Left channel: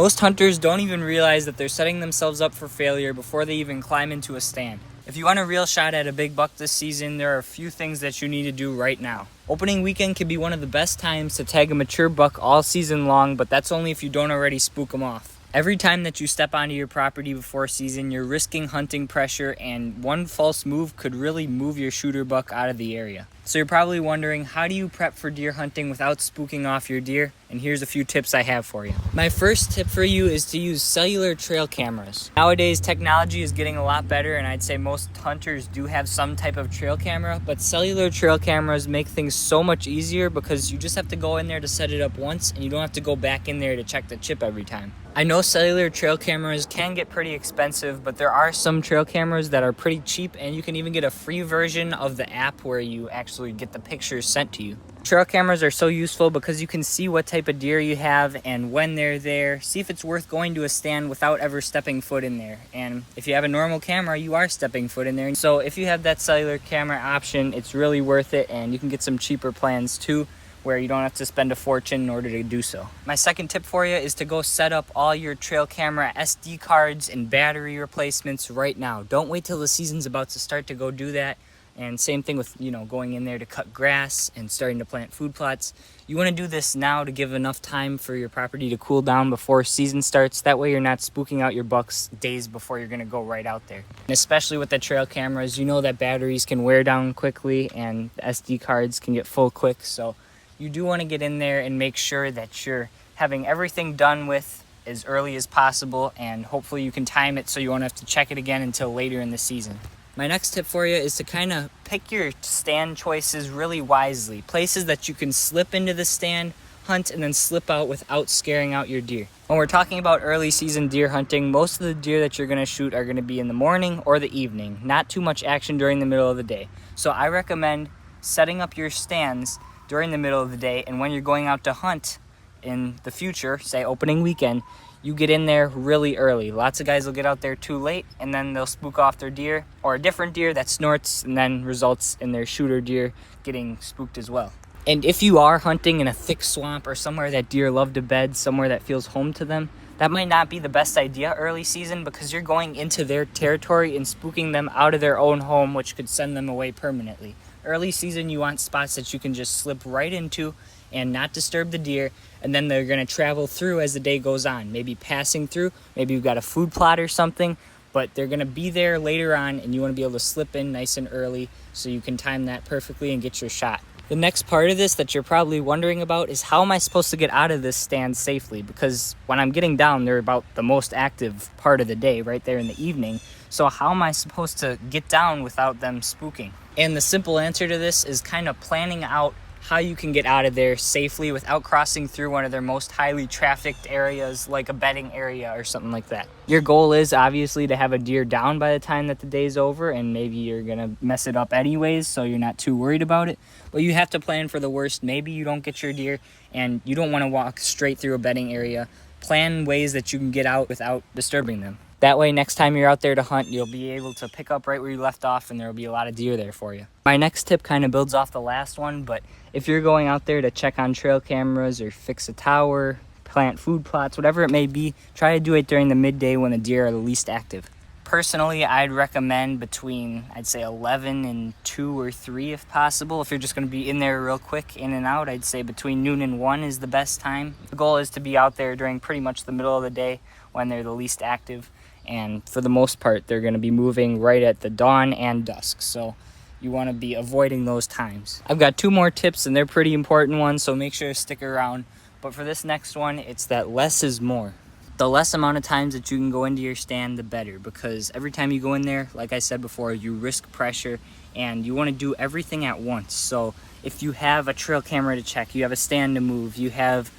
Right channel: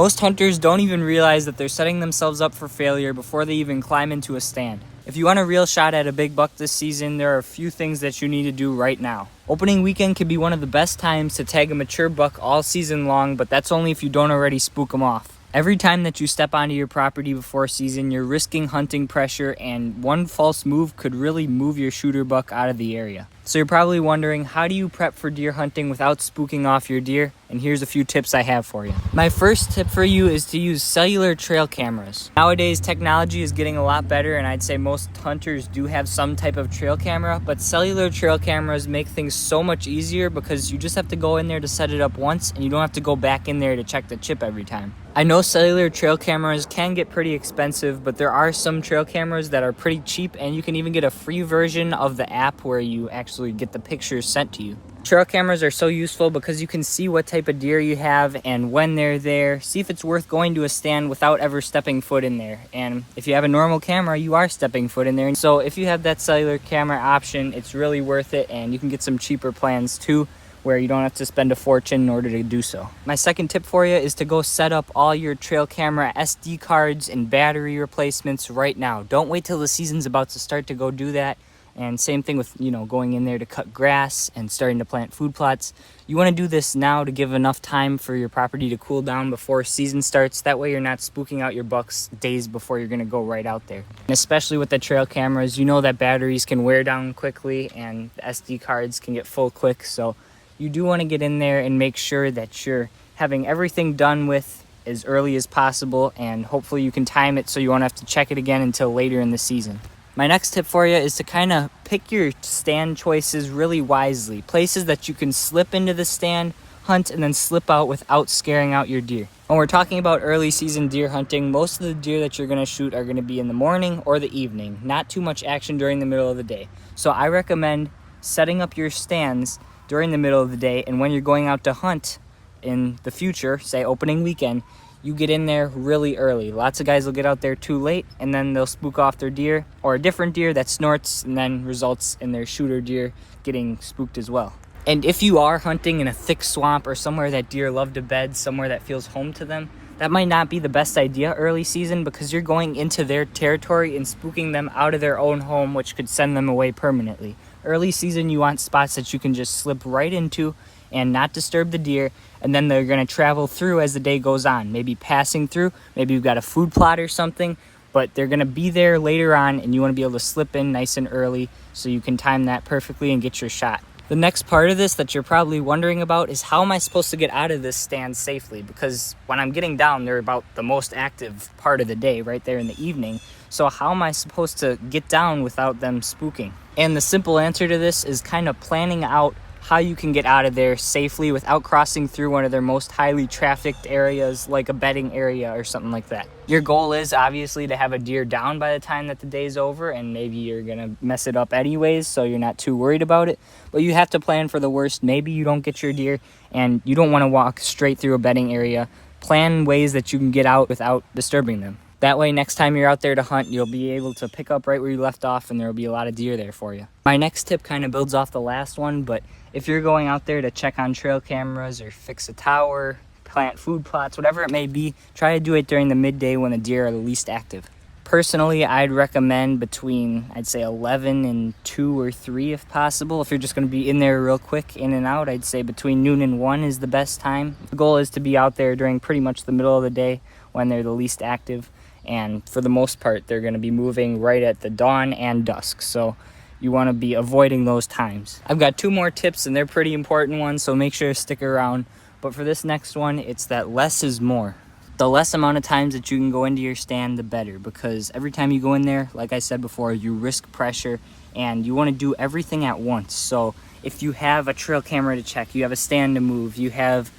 Most hunters don't even realize that they're setting themselves up for failure before they even climb into a stand. If you want a real shot at a big buck this season, there are a few things that you need to do right now. Opening weekend can be one of the best times to tag a mature buck all season long, but that's only if you don't already spook them off. Every time that you step onto your property before season, you're risking hunting pressure, and one false move could really move your shooter buck out of the area. So you're probably wondering, how do you prep for deer hunting without spooking off your deer? And here's a few tips I have for you. My first tip for you is to use cellular trail cameras. Nowadays, technology is getting a lot better, and I'd say most hunters do have some type of trail camera, but cellular trail cameras make things so much easier because you just have to go in there to set it up once, and you don't have to go back in there to check the chip every time. I know cellular trail cameras can get pretty expensive, but there are some trail cameras that are pretty cheap, and you can even get a free version of the app where you actually get the pictures sent to you. Trail cameras are so useful because you can see what type of deer you have and when they're there, see if it's worth going to a stand without ever stepping foot in there. And if you have a normal camera, you are stepping foot in there. So if you have that cellular camera option, it's really worth it, and you can get some cheaper plans too, where you don't have to spend a fortune in order to do so. My second tip for you is to go set up all your trail camera SD cards and battery replacements right now. Don't wait till the season's about to start to go do that. And same thing with, going in there to cut grass and starting to plant food plots. You want to do this now to give enough time for your property to cool down before season starts. That way you're not spooking out your bucks days before you're going to go right out there. And especially with the trail cameras, you know that batteries can wear down quickly and the SD cards can get full quick. So you do want to get in there and make sure that you're having everything done with as early as possible, and hopefully you can time it so you won't have to check it again until later in the season. My next tip for you is to kind of pick your stand choices really wisely. Places that you can slip into the stand, hunt, and then slip out without scaring out your deer. When we're talking about early season deer hunting, most of the deer that you're going to shoot are going to be in the morning or the evening. Not too much action during the middle of the day. So I recommend setting up your stands during the middle of the day, and when you're going out to hunt in the future, say opening weekend, you get in there really early. Lots of guys will get out there too late, and then they'll spook off their deer or a different deer that snorts and then results in their shooter deer getting spooked as well. And if you are hunting in a thick swamp or somewhere that deer love to bed, somewhere that feels home to them, that might not be the best idea early season, because you're going into their territory and spooking them out of their own home, which could send them away permanently. Early season, you want spots that you can just slip right into and not disturb the deer, and then they're going to travel through as the day goes on, maybe passing through, maybe you've got a food plot or something, but they're going to be there later on, and you want to be able to slip in nice and early so you can time that perfectly and get your shot. The next part of this that you're probably wondering about is, how am I supposed to get out of this stand safely? Because when I'm getting down, they're about the most active part of the day, right there in the evening. So how am I supposed to get down without them spooking? And the simple answer to this is kind of planning out how you can get out of there safely without crossing through one of their most highly trafficked areas, like a bedding area or something like that. Your goal is obviously to have a deer down by the time that the day's over, and maybe you're gonna mess it up anyways, so you're not too worried about it. But you have to plan for the worst. Maybe you don't get your deer and you don't want to walk straight through a bedding area. Plan ways that you can get out without disturbing them. That way, next time you're out there to hunt, you'll be able to pick up right where you left off, and there'll be a lot of deer there for you. My next tip kind of builds off the last one, but if you're going out there to check on trail cameras or fix a tower, plant food plots, whatever it may be, try to do it during the midday when the deer are the least active. Personally, I'd recommend between, I'd say 11 and 2 or 3 if possible. If you're just going to be in there real quick, in and out, I'd say between noon and 1 is the best time. The goal is to be out there during pretty much the middle of the day when they're the least active. And for the most part, they're going to be moving right at the dawn and dusk. So you want to be avoiding those times. I've got 2 more tips, and they're pretty important ones, so make sure to stick around. But for this next one, it's that less is more. The less amount of times that you can go into your stand, the better, because every time you go in there, like I said before, you risk pressure, and you want to do everything at once. So if you have a trail camera to check, you have a stand to move, you have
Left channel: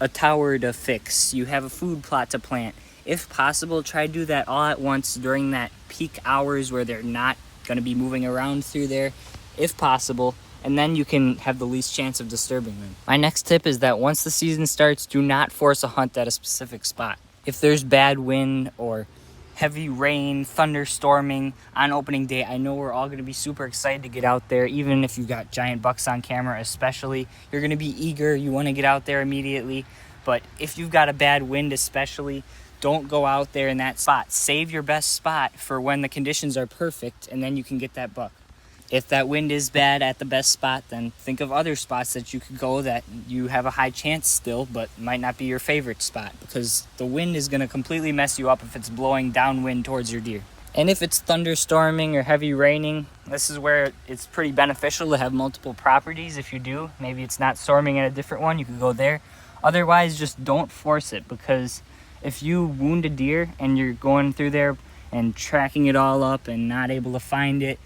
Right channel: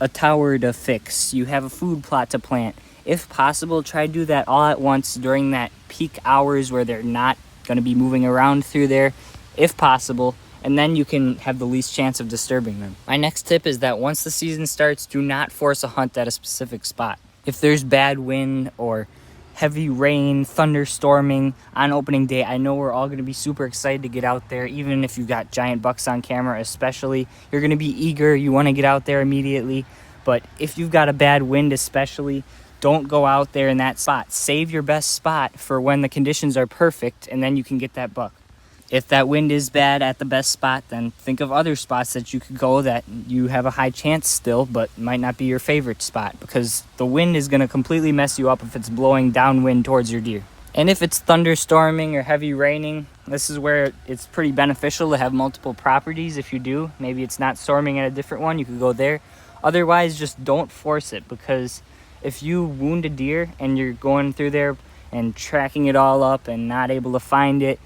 a tower to fix, you have a food plot to plant, if possible, try to do that all at once during that peak hours where they're not going to be moving around through there, if possible, and then you can have the least chance of disturbing them. My next tip is that once the season starts, do not force a hunt at a specific spot. If there's bad wind or heavy rain, thunderstorming on opening day, I know we're all going to be super excited to get out there, even if you've got giant bucks on camera especially. You're going to be eager, you want to get out there immediately. But if you've got a bad wind especially, don't go out there in that spot. Save your best spot for when the conditions are perfect, and then you can get that buck. If that wind is bad at the best spot, then think of other spots that you could go that you have a high chance still, but might not be your favorite spot, because the wind is going to completely mess you up if it's blowing downwind towards your deer. And if it's thunderstorming or heavy raining, this is where it's pretty beneficial to have multiple properties. If you do, maybe it's not storming on a different one, you can go there. Otherwise, just don't force it, because if you wound a deer and you're going through there and tracking it all up and not able to find it,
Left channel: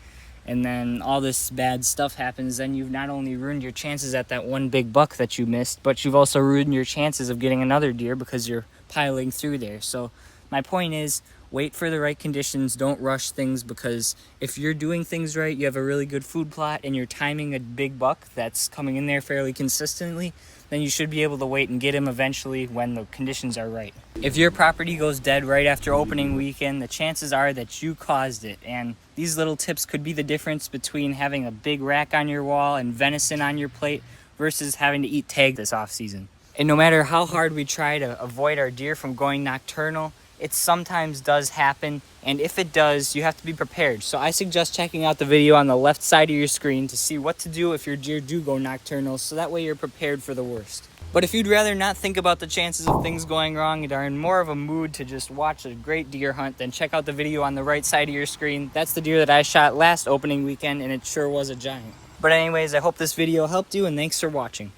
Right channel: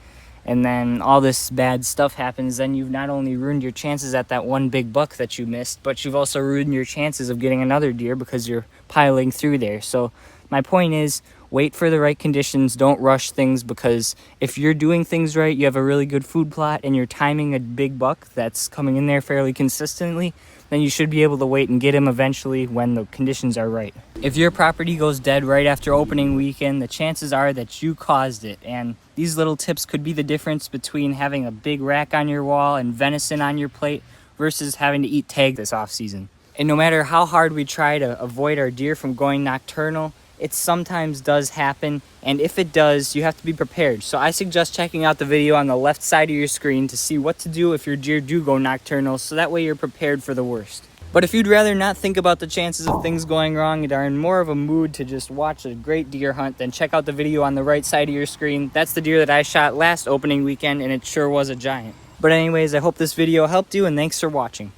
and then all this bad stuff happens, then you've not only ruined your chances at that one big buck that you missed, but you've also ruined your chances of getting another deer because you're piling through there. So my point is, wait for the right conditions. Don't rush things, because if you're doing things right, you have a really good food plot, and you're timing a big buck that's coming in there fairly consistently, then you should be able to wait and get him eventually when the conditions are right. If your property goes dead right after opening weekend, the chances are that you caused it, and these little tips could be the difference between having a big rack on your wall and venison on your plate versus having to eat tag this off season. And no matter how hard we try to avoid our deer from going nocturnal, it sometimes does happen, and if it does, you have to be prepared. So I suggest checking out the video on the left side of your screen to see what to do if your deer do go nocturnal, so that way you're prepared for the worst. But if you'd rather not think about the chances of things going wrong and are in more of a mood to just watch a great deer hunt, then check out the video on the right side of your screen. That's the deer that I shot last opening weekend, and it sure was a giant. But anyways, I hope this video helped you, and thanks for watching.